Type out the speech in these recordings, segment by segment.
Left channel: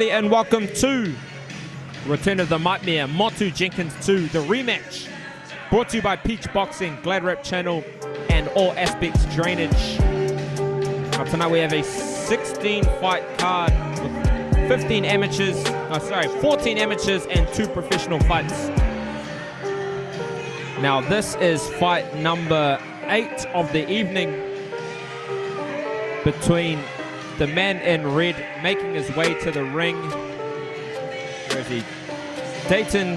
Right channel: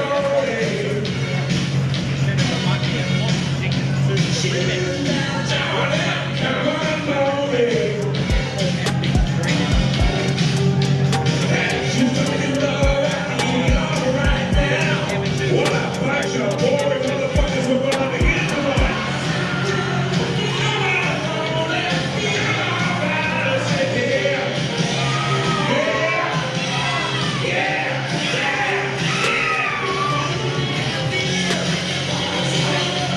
everybody, and welcome to return of the NightMea, Montu Jenkins 2, the rematch, brought to you by Peach Boxing, GladrapChannel, and All Aspects Drainage. Tonight we have a 16-fight card, 14 amateurs and 2 professional fights. Now this is fight number 8 of the evening between the man in red making his way to the ring, Dayton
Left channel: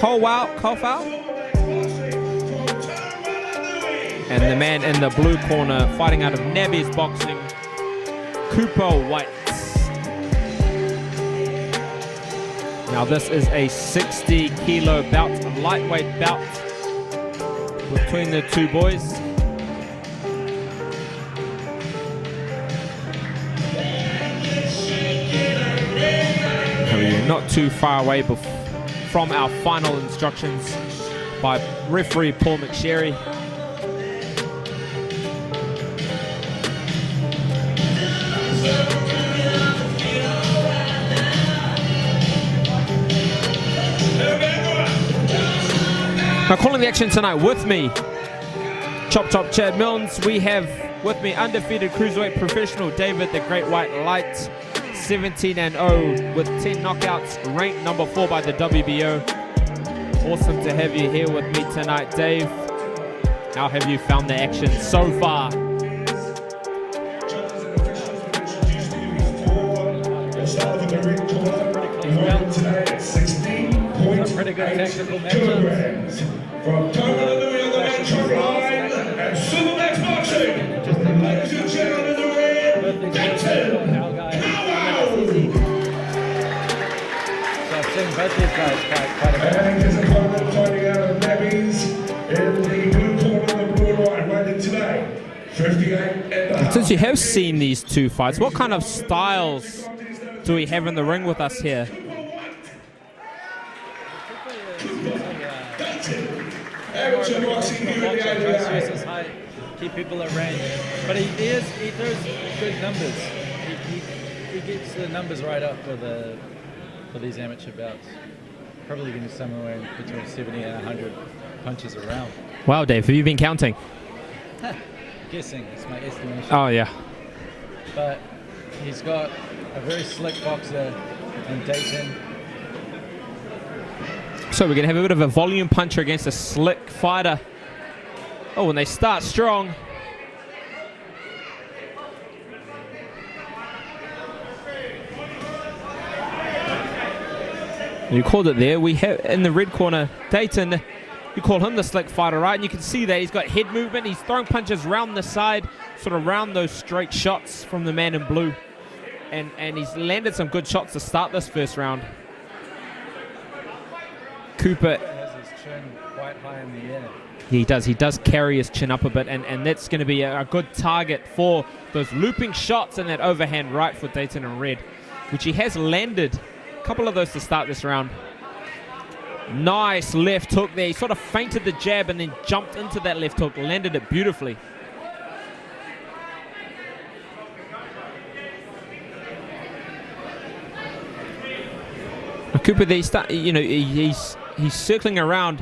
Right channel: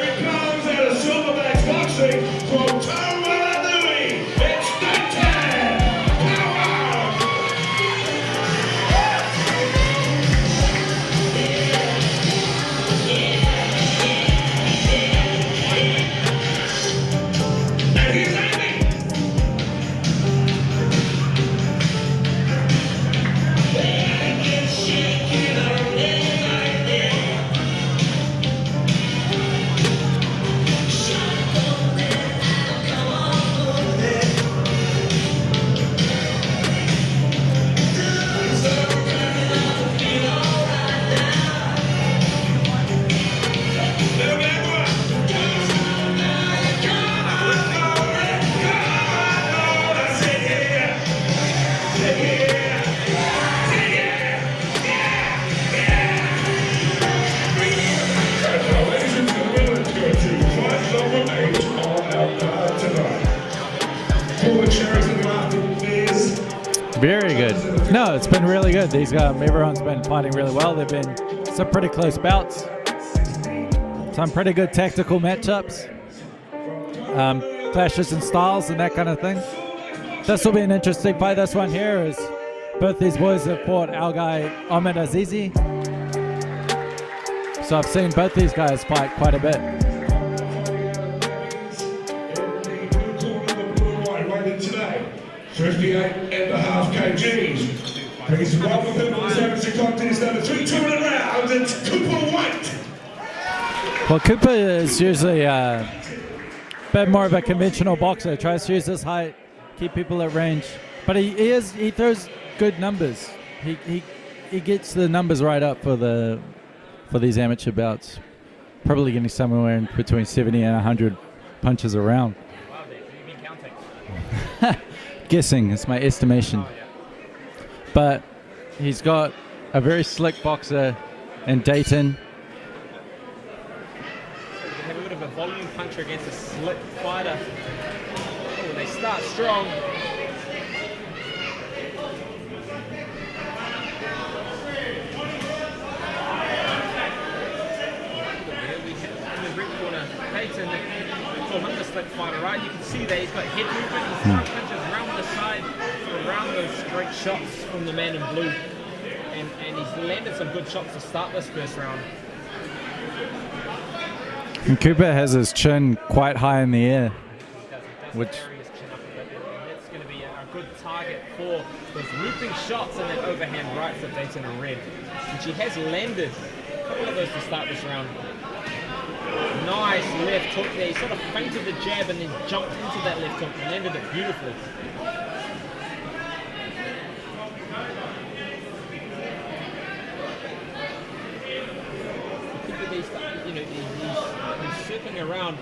Kawau, and the man in the blue corner fighting out of NightMea's boxing, Kawau. Now this is a 60-kilo bout, lightweight bout between the two boys. Not too far away from our final instructions by referee Paul McSherry. Now calling the action tonight with me, Chop Chad Mills. We have with me undefeated cruiserweight professional David the Great White Light. 17-0 with 2 knockouts, ranked number 4 by the WBO. Awesome to have you here with me tonight, Dave. How have you found the action so far? Very good. No, it's been really good. Everyone's been fighting really well. They've been some pretty close bouts. Some pretty good tactical matchups. Clashes of styles and that kind of thing. This will be an interesting fight. This one here is both these boys have fought our guy Ahmed Azizi. So I've seen both these guys fight quite a bit. Since you have seen these two fights, what kind of styles do we have in the ring with us here? Well, Cooper is usually a bit more of a conventional boxer. He tries to use his height, keep people at range, but he throws good numbers. He gets the numbers right up for these amateur bouts. Probably getting somewhere in between 70 and 100 punches a round. Wow, Dave, have you been counting? Guessing, it's my estimation. Oh yeah. But he's got a very slick boxer in Dayton. So we're going to have a bit of a volume puncher against a slick fighter. Oh, and they start strong. You called it there. We have in the red corner, Dayton. You call him the slick fighter, right? And you can see that he's got head movement. He's throwing punches around the side, sort of around those straight shots from the man in blue. And he's landed some good shots to start this first round. Cooper has his chin quite high in the air. He does carry his chin up a bit, and that's going to be a good target for those looping shots and that overhand right for Dayton in red, which he has landed a couple of those to start this round. Nice left hook there. He sort of feinted the jab and then jumped into that left hook, landed it beautifully. Cooper there, he's circling around.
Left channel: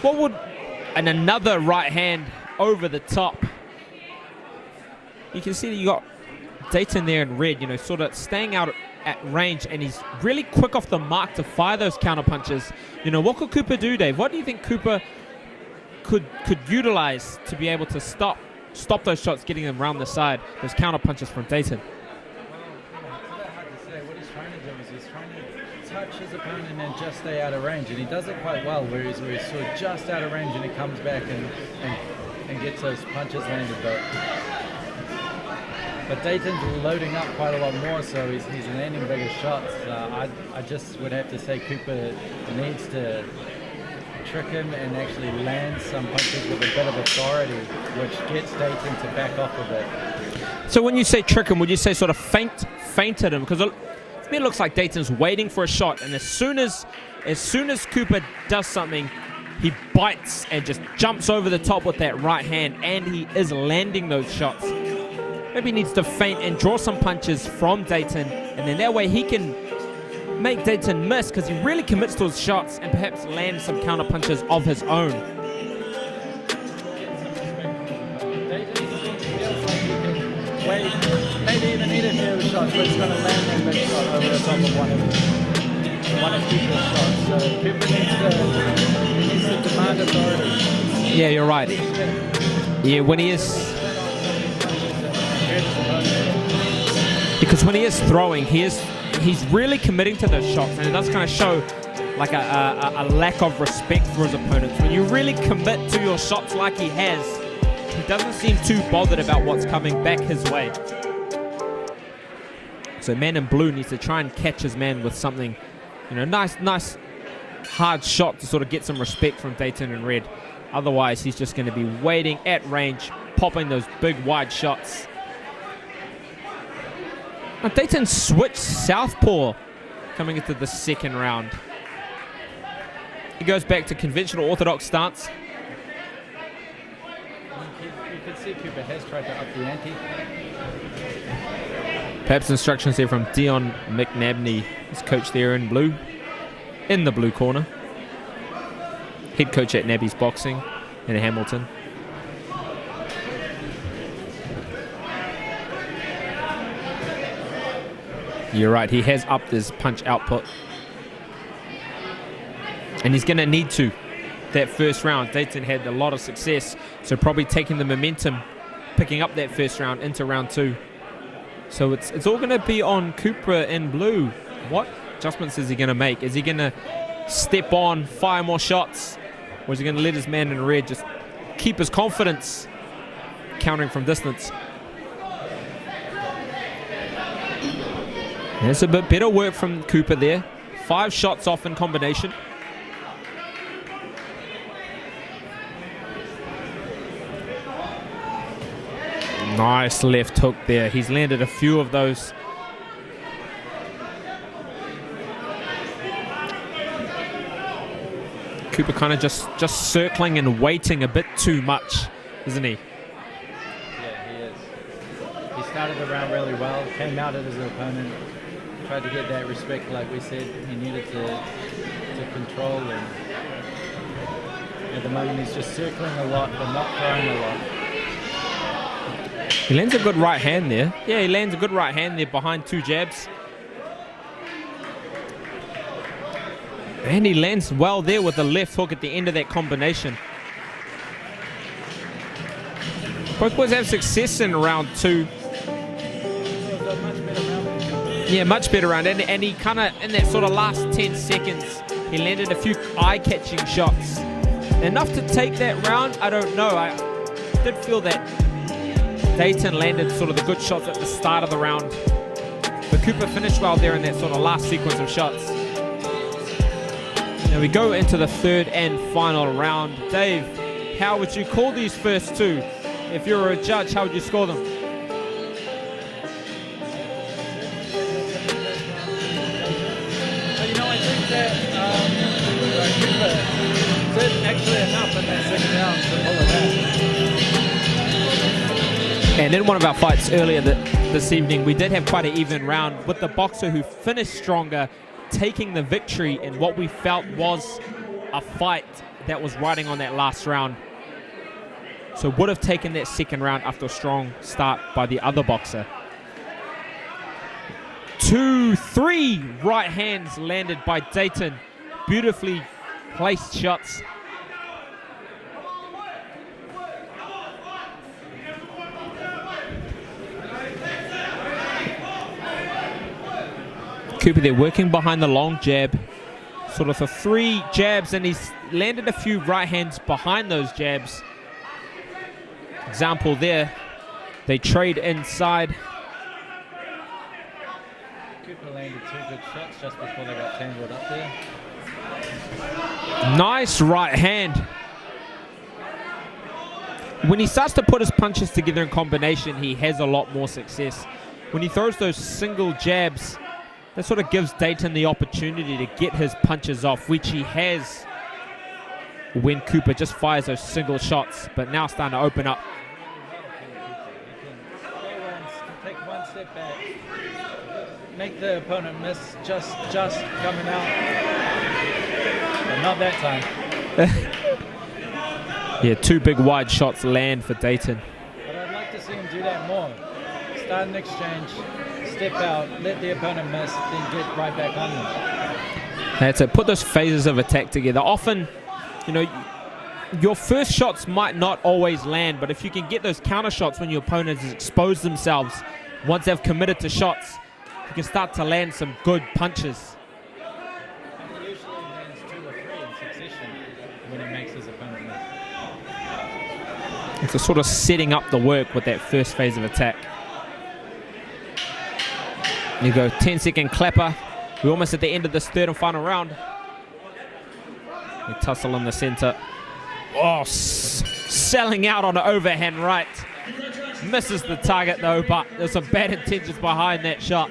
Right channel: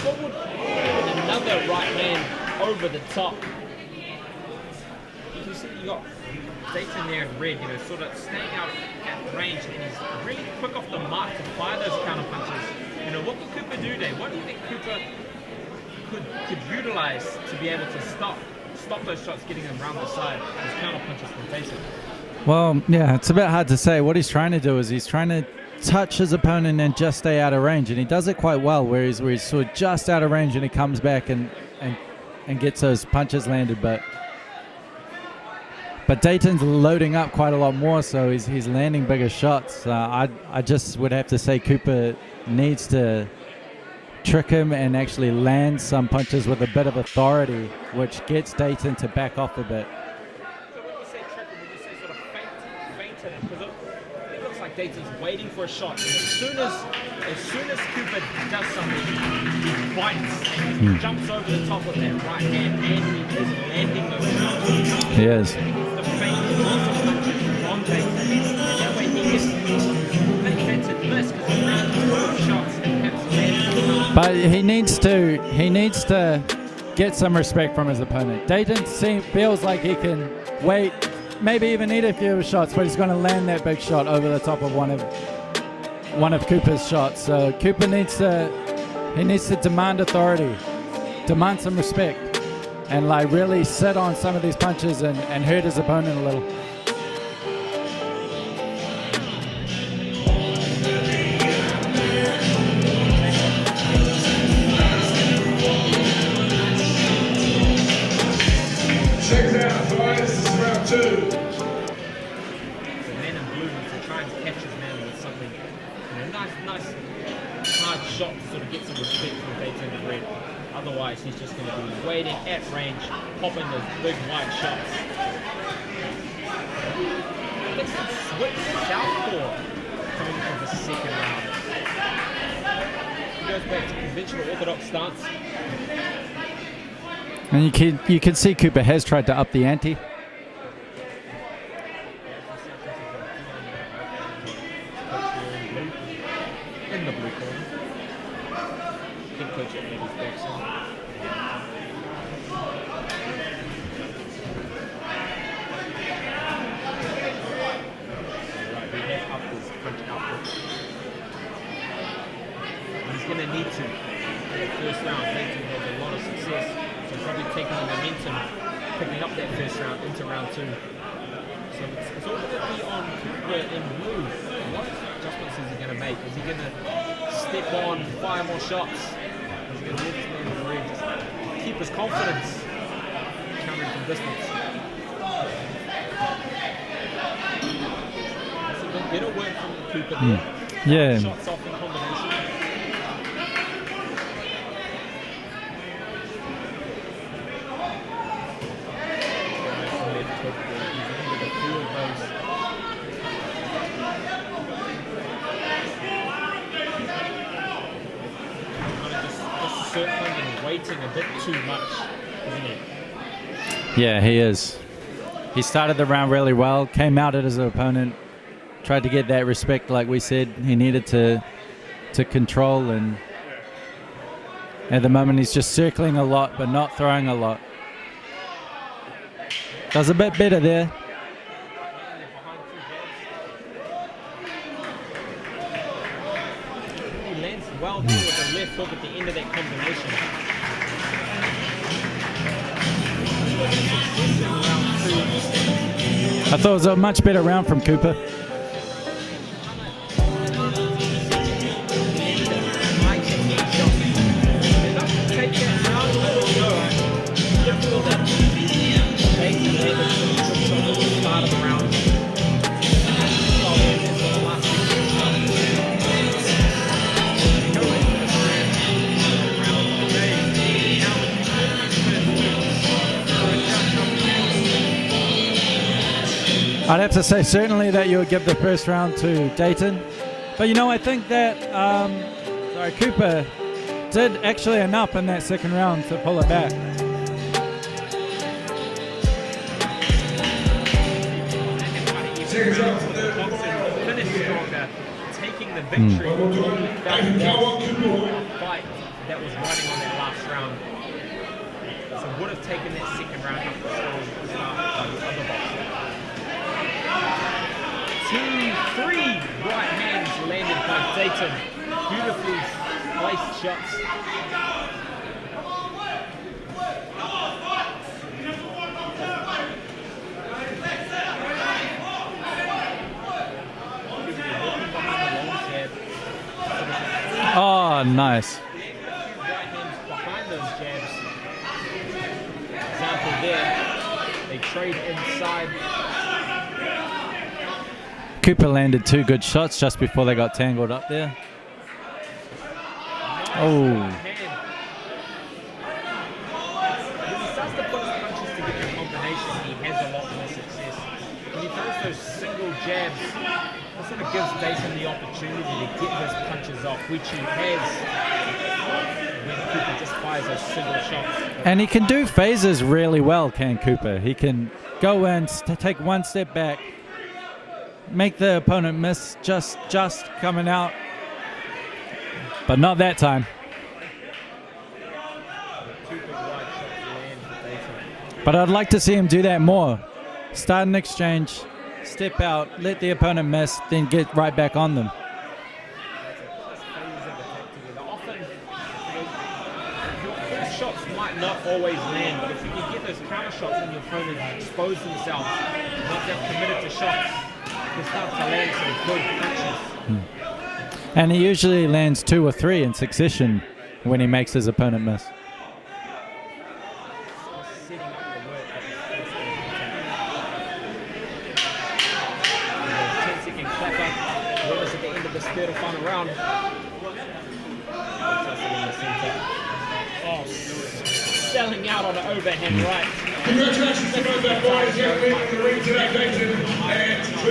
What would another right hand over the top? You can see that you got Dayton there in red, sort of staying out at range, and he's really quick off the mark to fire those counter punches. What could Cooper do, Dave? What do you think Cooper could utilize to be able to stop those shots getting them around the side, those counter punches from Dayton? Well, yeah, it's a bit hard to say. What he's trying to do is he's trying to touch his opponent and just stay out of range, and he does it quite well, where he's sort of just out of range and he comes back and gets those punches landed. But Dayton's loading up quite a lot more, so he's landing bigger shots. I just would have to say Cooper needs to trick him and actually land some punches with a bit of authority, which gets Dayton to back off a bit. So when you say trick him, would you say sort of feint at him? Because it looks like Dayton's waiting for a shot, and as soon as as soon as Cooper does something, he bites and just jumps over the top with that right hand, and he is landing those shots. He is. Maybe he needs to feint and draw some punches from Dayton, and that way he can make Dayton miss, because he really commits to his shots and perhaps lands some counter But punches. he needs to get some respect from his opponent. Dayton feels like he can wait, maybe even eat a few shots, but he's going to land that big shot over the top of one of Cooper's shots. So Cooper needs to demand authority. Yeah, you're right. Demand some respect. Yeah, and when he really sit on some of these punches and hurt his opponent a little. Because when he is throwing, he's really committing to those shots, and that's going to show like a lack of respect for his opponent. You really commit to your shots like he has. He doesn't seem too bothered about what's coming back his way. So man in blue needs to try and catch his man with something, nice hard shot to sort of get some respect from Dayton in red. Otherwise, he's just going to be waiting at range, popping those big wide shots. Now, Dayton switched southpaw coming into the second round. He goes back to conventional orthodox stance. And you can see Cooper has tried to up the ante. Perhaps instructions there from Dion McNabney, his coach there in blue, in the blue corner. Head coach at Nabby's Boxing in Hamilton. You're right, he has upped his punch output. And he's going to need to. That first round, Dayton had a lot of success, so probably taking the momentum, picking up that first round into round two. So it's all going to be on Cooper in blue. What adjustments is he going to make? Is he going to step on, fire more shots? Or is he going to let his man in red just keep his confidence, countering from distance? There's a bit better work from Cooper there. 5 shots off in combination. Nice left hook there. He's landed a few of those. Cooper kind of just circling and waiting a bit too much, isn't he? Yeah, he is. He started the round really well, came out at his opponent, tried to get that respect like we said he needed to control, and at the moment he's just circling a lot but not throwing a lot. He lands a good right hand there. Yeah, he lands a good right hand there behind 2 jabs. And he lands well there with the left hook at the end of that combination. Both boys have success in round 2. I thought it was a much better round from Cooper. Yeah, much better round. And he kind of, in that sort of last 10 seconds, he landed a few eye-catching shots. Enough to take that round? I don't know. I don't feel that Dayton landed sort of good shots at the start of the round. But Cooper finished well there in that sort of last sequence of shots. And we go into the third and final round. Dave, how would you call these first 2? If you were a judge, how would you score them? I'd have to say certainly that you would give the first round to Dayton. But I think that Cooper did actually enough in that second round to pull it back. And in one of our fights earlier this evening, we did have quite an even round with the boxer who finished stronger, taking the victory in what we felt was a fight that was riding on that last round. So would have taken that second round after a strong start by the other boxer. 2, 3 right hands landed by Dayton. Beautifully placed shots. Cooper there working behind the long jab. Sort of for 3 jabs, nice. And he's landed a few right hands behind those jabs. Example there, they trade inside. Cooper landed 2 good shots just before they got tangled up there. Nice right hand. When he starts to put his punches together in combination, he has a lot more success. When he throws those single jabs, It sort of gives Dayton the opportunity to get his punches off, which he has when Cooper just fires those single shots. But And now he can do starting to open up. phases really well, can Cooper. He can go in, take one step back, make the opponent miss just coming out. But not that time. Yeah, 2 big wide shots land for Dayton. But I'd like to see him do that more. Start an exchange, step out, let the opponent miss, then get right back on them. That's it. Put those phases of attack together. Often, you know, your first shots might not always land, but if you can get those counter shots when your opponents expose themselves, once they've committed to shots, you start to land some good punches. And he usually lands 2 or 3 in succession when he makes his opponent miss. It's a sort of setting up the work with that first phase of attack. You go 10-second clapper. We're almost at the end of this third and final round. A tussle in the center. Oh, selling out on an overhand right. Misses the target though, but there's some bad intentions behind that shot.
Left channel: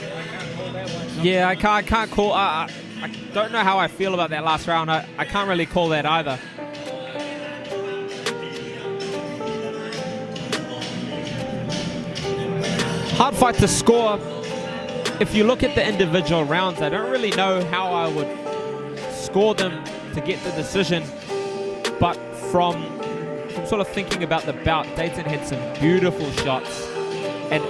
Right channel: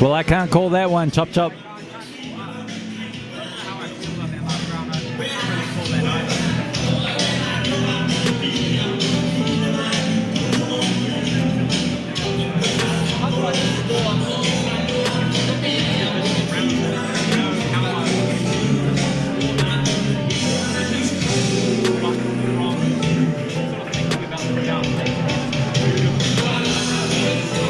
Well, I can't call that one, Chop Yeah, Chop. I can't call. I don't know how I feel about that last round. I can't really call that either. Hard fight to score. If you look at the individual rounds, I don't really know how I would score them to get the decision. But from sort of thinking about the bout, Dayton had some beautiful shots.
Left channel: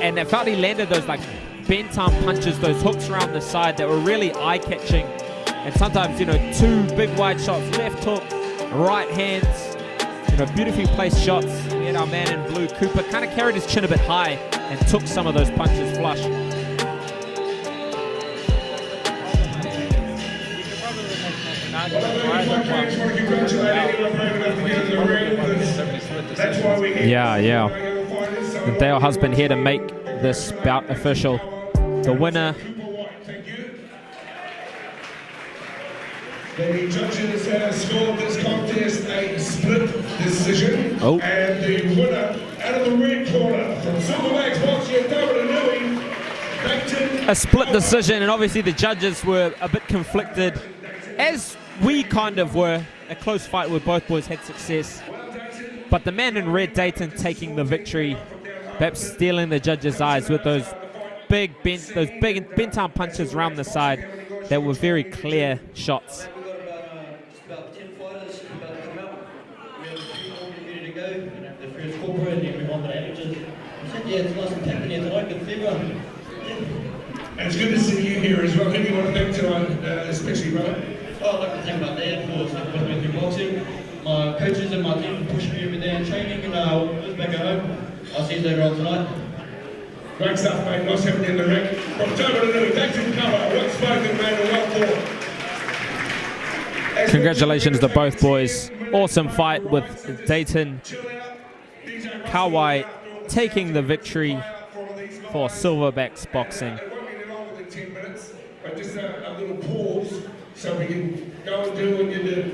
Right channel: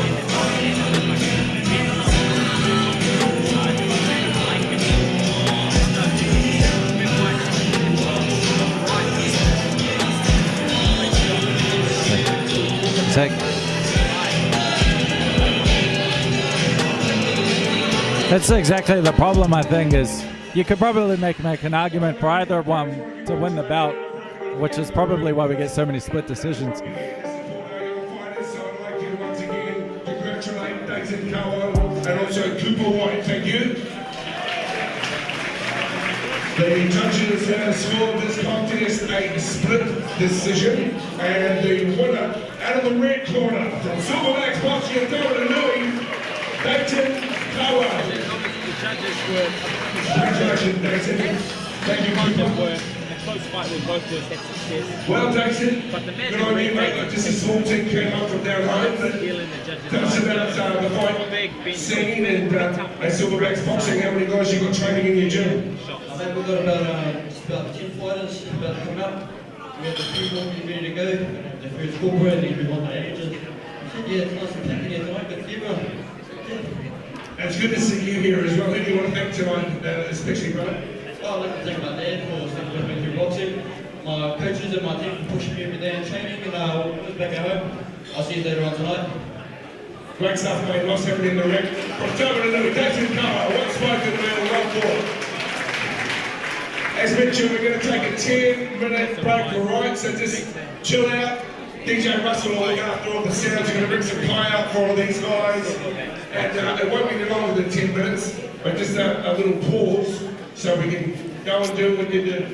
And that bout he landed those like bent arm punches, those hooks around the side that were really eye-catching. Sometimes, you know, 2 big wide shots, left hook, right hand, beautifully placed shots. Now man, Cooper carried his chin a bit high, took some of those punches flush. That's exactly the problem, I think, is you could probably make an argument for either one to win the bout, which is probably why we get so many split decisions. Yeah. And Dale Husband here to make this bout official. The winner. The judges have scored this contest a split decision. Oh. And the winner out of the red corner from Silverbacks Boxing Dayton. A split decision, and obviously the judges were a bit conflicted, as we kind of were. A close fight with both boys had success, but the man in red, Dayton, taking the victory, perhaps stealing the judges' eyes with those big bent arm punches around the side. They were very clear shots. We've got about 10 fighters about to come up. We have the 3 more ready to go. The first corporate and then move on to amateurs. Yeah, it's nice and taken here tonight. Good to see everyone. It's good to see you here as well. Who do you want to thank to especially, brother? Well, I'd like to thank my dad for sticking with me through boxing. My coaches and my team for pushing me every day in training, and always back at home. I'll see you later on tonight. Great stuff, mate. Nice having you in the ring. From Dayton Kawau, one spoken man and well fought. Congratulations to both boys. Awesome fight with Dayton Kawau taking the victory for Silverbacks Boxing. It won't be longer than 10 minutes, but just a little pause so we can go and do what you do.